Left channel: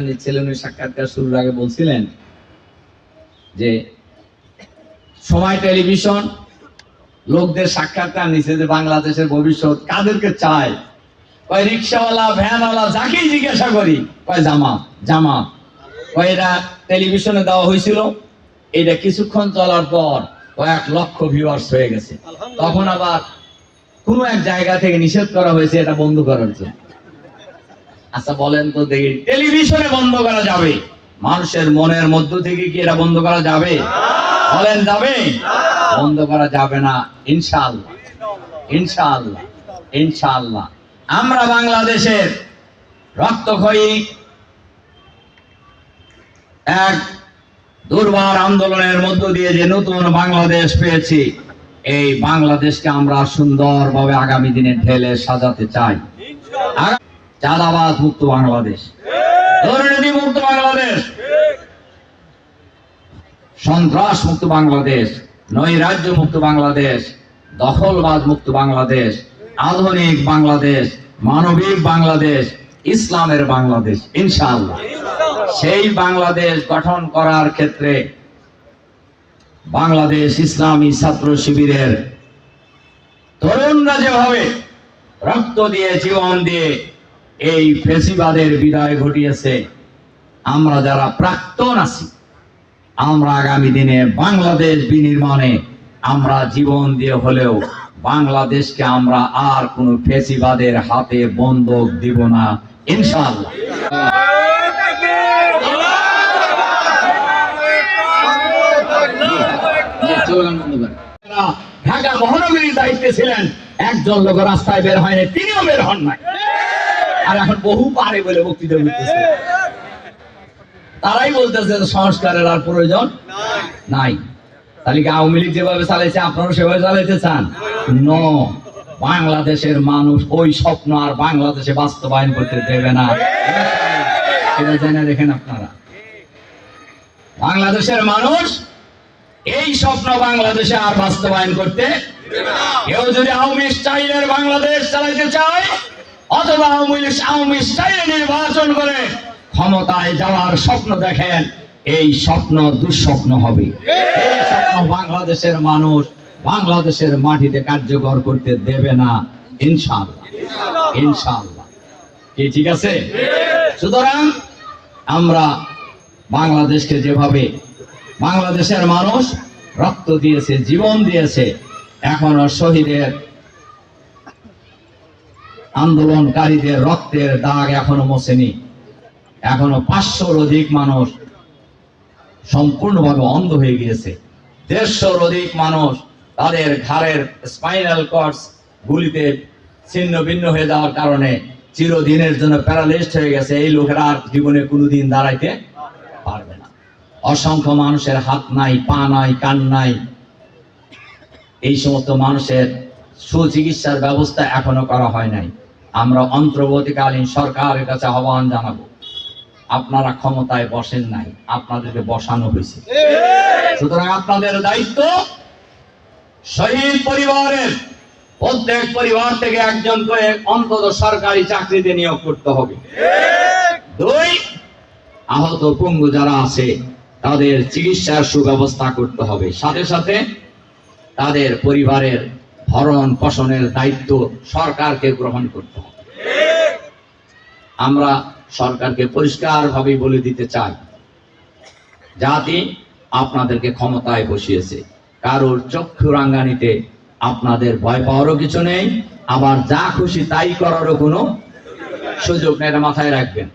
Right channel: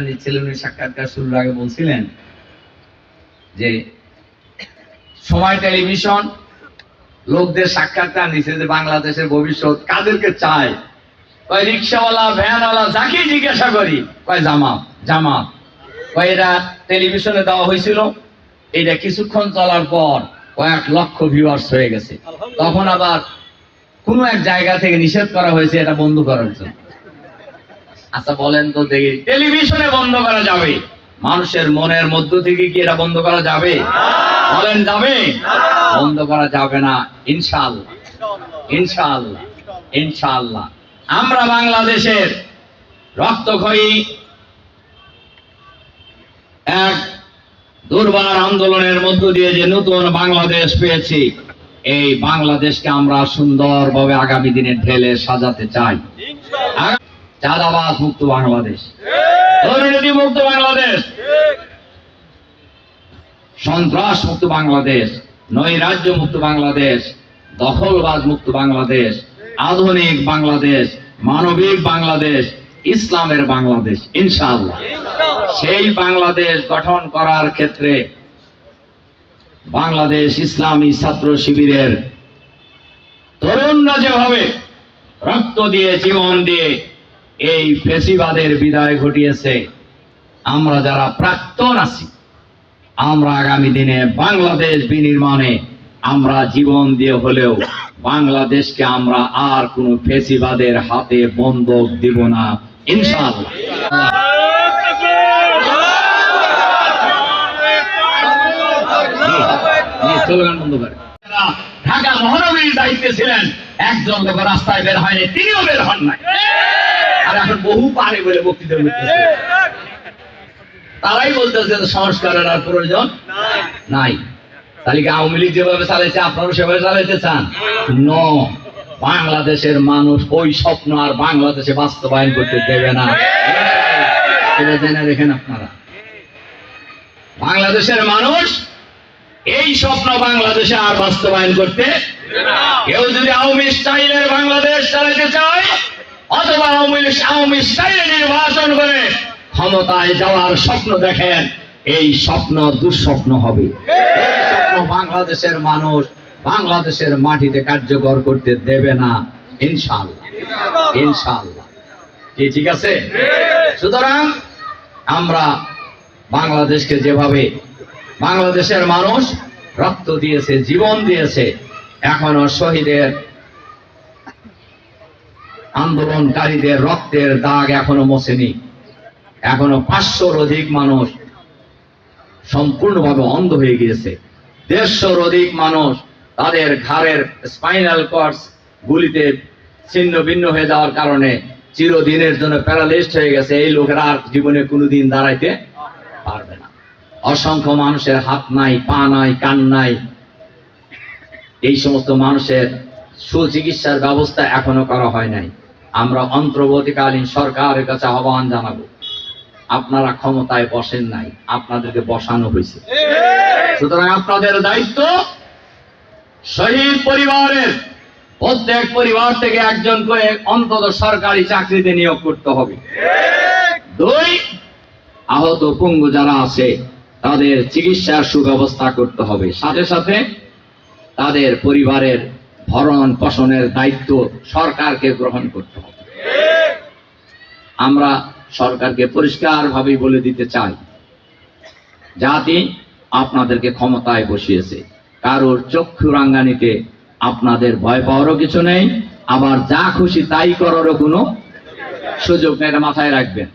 নিচ্ছিলেন উনি সাক্ষাৎকার শুরুর আগে বলছিলেন যে, সময় টেলিভিশন, লোকদের সাক্ষাৎকার নিচ্ছে যে বাংলাদেশের ভবিষ্যৎ কাদেরকে চায়? রিক্সাওয়ালা, ভ্যানওয়ালা জিজ্ঞাসা করি, কয়, জামাত জামাত। এরা টেলিভিশনে দেওয়া হয়েছিল, এটা কিছুক্ষণ চলার পর কয়েক লক্ষ ভিউয়ার্স হয়ে গেছে। তখন আবার কোনো এক জায়গা থেকে নিষেধ করা হয়েছে এটা বন্ধ করার জন্য। আচ্ছা বলেন তো দেখি। টেলিভিশনে বন্ধ করা যাবে। মানুষের মনের মধ্য থেকে কি এটা বন্ধ করা যাবে? বলেন যাবে? বন্ধ করা যাবে না ইনশাআল্লাহ। ইনশাআল্লাহ ইনশাআল্লাহ। আমরা বাংলাদেশের রক্তক্ষয়ী এক দুর্বার আন্দোলনের মধ্য দিয়ে যে নতুন বাংলাদেশ পেয়েছি এই বাংলাদেশকে আমরা সুন্দরভাবে আগামী দিনে ঢেলে সাজাতে চাই। চাঁদাবাজ মুক্ত বাংলাদেশ। দুর্নীতি মুক্ত বাংলাদেশ। সন্ত্রাস মুক্ত বাংলাদেশ। নৈরাজ্য মুক্ত বাংলাদেশ। দখলবাজ মুক্ত বাংলাদেশ। আধুনিক বাংলাদেশ। মানবিক বাংলাদেশ। ইসলামের বাংলাদেশ। ইনশাআল্লাহ। সেই বাংলাদেশ গঠন করার ক্ষেত্রে বাংলাদেশ ইসলামী ছাত্র শিবিরের তরুণরা যেভাবে রক্ত দিয়ে জীবন দিয়ে এই ফেসিবাদের বিদায় ঘটিয়েছে। আমরা যারা প্রাক্তন আছি, আমরা আগামী দিনে বাংলাদেশ বিনির্মাণে আমরা জীবন দিয়ে হলেও বাংলাদেশকে আমরা আর কোন ফেসিবাদের হাতে বন্ধক দিব না, ইনশাআল্লাহ। ঢাকা মহানগরীর দায়িত্বে ছিলেন, একজন লোক রাস্তায় বের হয়নি, তিনিও বের হন নাই। আর এখন বহু পারে বলে বক্তৃতা করতেছে। তারাই বলতেছে সংস্কারের আর প্রয়োজন নাই। তাহলে কি আওয়ামী লীগ যেভাবে আপনারা সেভাবে চান? ন, বাংলাদেশের মানুষ ওই স্বপ্ন আর বাংলাদেশে বাস্তবায়ন করতে দেবে না। এটা জেনে রেখেন আপনারা। বাংলাদেশের মানুষ এই স্বপ্ন বাংলাদেশে আর বাস্তবায়ন করতে কেউ যদি আওয়ামী স্টাইলের বাংলাদেশ চালাইতে চায় অথবা আওয়ামী স্টাইলে নির্বাচন করে ক্ষমতায় যাওয়ার স্বপ্ন দেখেন, এই স্বপ্ন দুঃস্বপ্ন হবে। বাংলাদেশের মানুষ বাংলাদেশের মাটিতে কার্যকর করতে দেবে না, ইনশাআল্লাহ। ইনশাআল্লাহ। কি, ঠিক আছে? সুতরাং আমরা বাংলাদেশকে যেভাবে বাংলাদেশের মানুষ রক্ত দিয়েছে, জীবন দিয়েছে, এখনও শহীদের আন্দোলনকারীদের রক্তের দাগ এখনও মোছেনি। এখনও পাঁচশোর অধিক মানুষ সম্পূর্ণভাবে অন্ধ হয়ে গিয়েছে। দেড়শোর অধিক মানুষ তাদের ঘাড়ের স্পাইনাল কর্ডস গুলিতে ছিন্ন ভিন্ন হয়ে যাওয়ার কারণে চিরদিনের জন্য প্যারালিস্ট হয়ে গেছে। এই লোকেরা আর জীবনে কোনোদিন দাঁড়াইতে পারবে না। অসংখ্য মানুষের হাত নাই, পা নাই, কান নাই। এই সমস্ত মানুষের সুচিকিৎসার ব্যবস্থা এখনও করা হয় নাই। আমরা অন্তর্বর্তীকালীন সরকারের কাছে আহ্বান জানাব। আপনারা ক্ষমতায় বসেন নাই, আপনাদেরকে বসানো হয়েছে। সুতরাং আপনাদের দায়িত্ব শহীদ পরিবারের প্রত্যেক পরিবার থেকে একজন করে অন্তত সরকারি চাকরিতে নিয়োগ করতে হবে। দুই, আহত পঙ্গু যারা আছে, তাদের চিকিৎসার সুব্যবস্থা করতে হবে। সাথে সাথে তাদের পরিবারের ভরণ পোষণের দায়িত্ব সরকারকে গ্রহণ করতে হবে। আমরা সরকারকে পরিষ্কারভাবে বলে দিতে চাই জাতি আপনাদেরকে ক্ষমতায় বসিয়েছে। কারোর চক্ষু রাঙ্গানিতে আপনাদের ভয় পাওয়ারও কিছু নেই, আবার যা খুশি তাই করারও কোনো সুযোগ নেই, এটা মাথায় রাখবেন।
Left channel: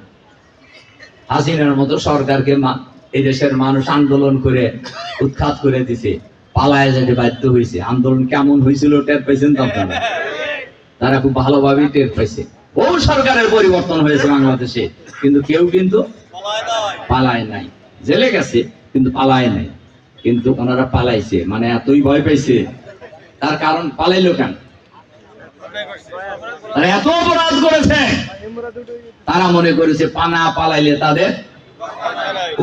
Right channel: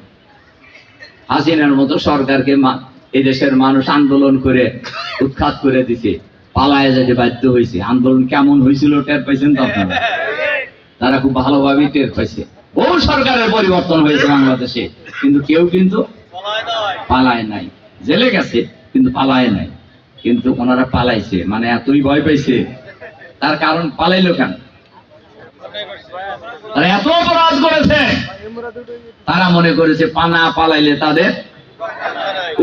হাসিনার মতো সরকারকে মা- এই দেশের মানুষ আন্দোলন করে, উৎখাত করে দিছে। পালায় যেতে বাধ্য হয়েছে। আন্দোলন কেমন হয়েছিল টের পাইছেন তো আপনারা? তারা খুব ভালোভাবেই টের পাইছে। বহু সরকারের পরিবর্তন হয়েছে বাংলাদেশে। কিন্তু কেউ কিন্তু পালায় নাই। জেলে গেছে, কিন্তু পালায় নাই। কিন্তু ওনারা পালাইছে মানে এতই ভয় পাইছে। তার কারণ পালাইলো কেন? এত অপরাধ করেছে। তারা মনে করেছে পানা পালাইলে তাদের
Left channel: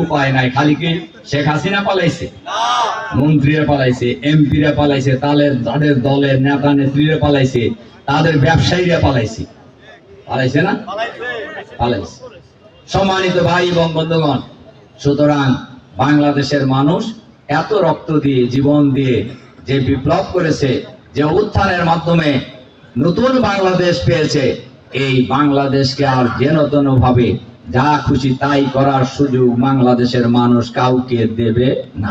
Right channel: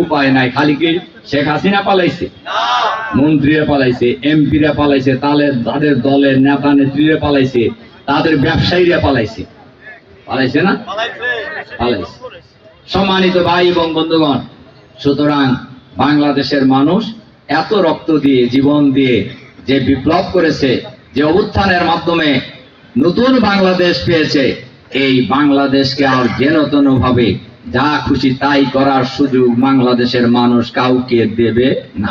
উপায় নাই। খালি কি শেখ হাসিনা পালাইছে? মন্ত্রীরা পালাইছে, এমপিরা পালাইছে তাদের তাদের দলের নেতা নেত্রীরা পালাইছে, তাদের ব্যবসায়ীরা পালাইছে। পালাইছে না? পালাইছে। সম্মানিত ভাই এবং বন্ধুগণ, সুতরাং বাংলাদেশের মানুষ এত রক্ত দিয়ে, জীবন দিয়ে যে বিপ্লব করেছে, যে অভ্যুত্থানের মাধ্যমে নতুন বাংলাদেশ পেয়েছে, এই বাংলাদেশকে আর যেন তেন ভাবে যা খুশি তাই করার সুযোগ বাংলাদেশের মানুষ কাউকে দেবে না।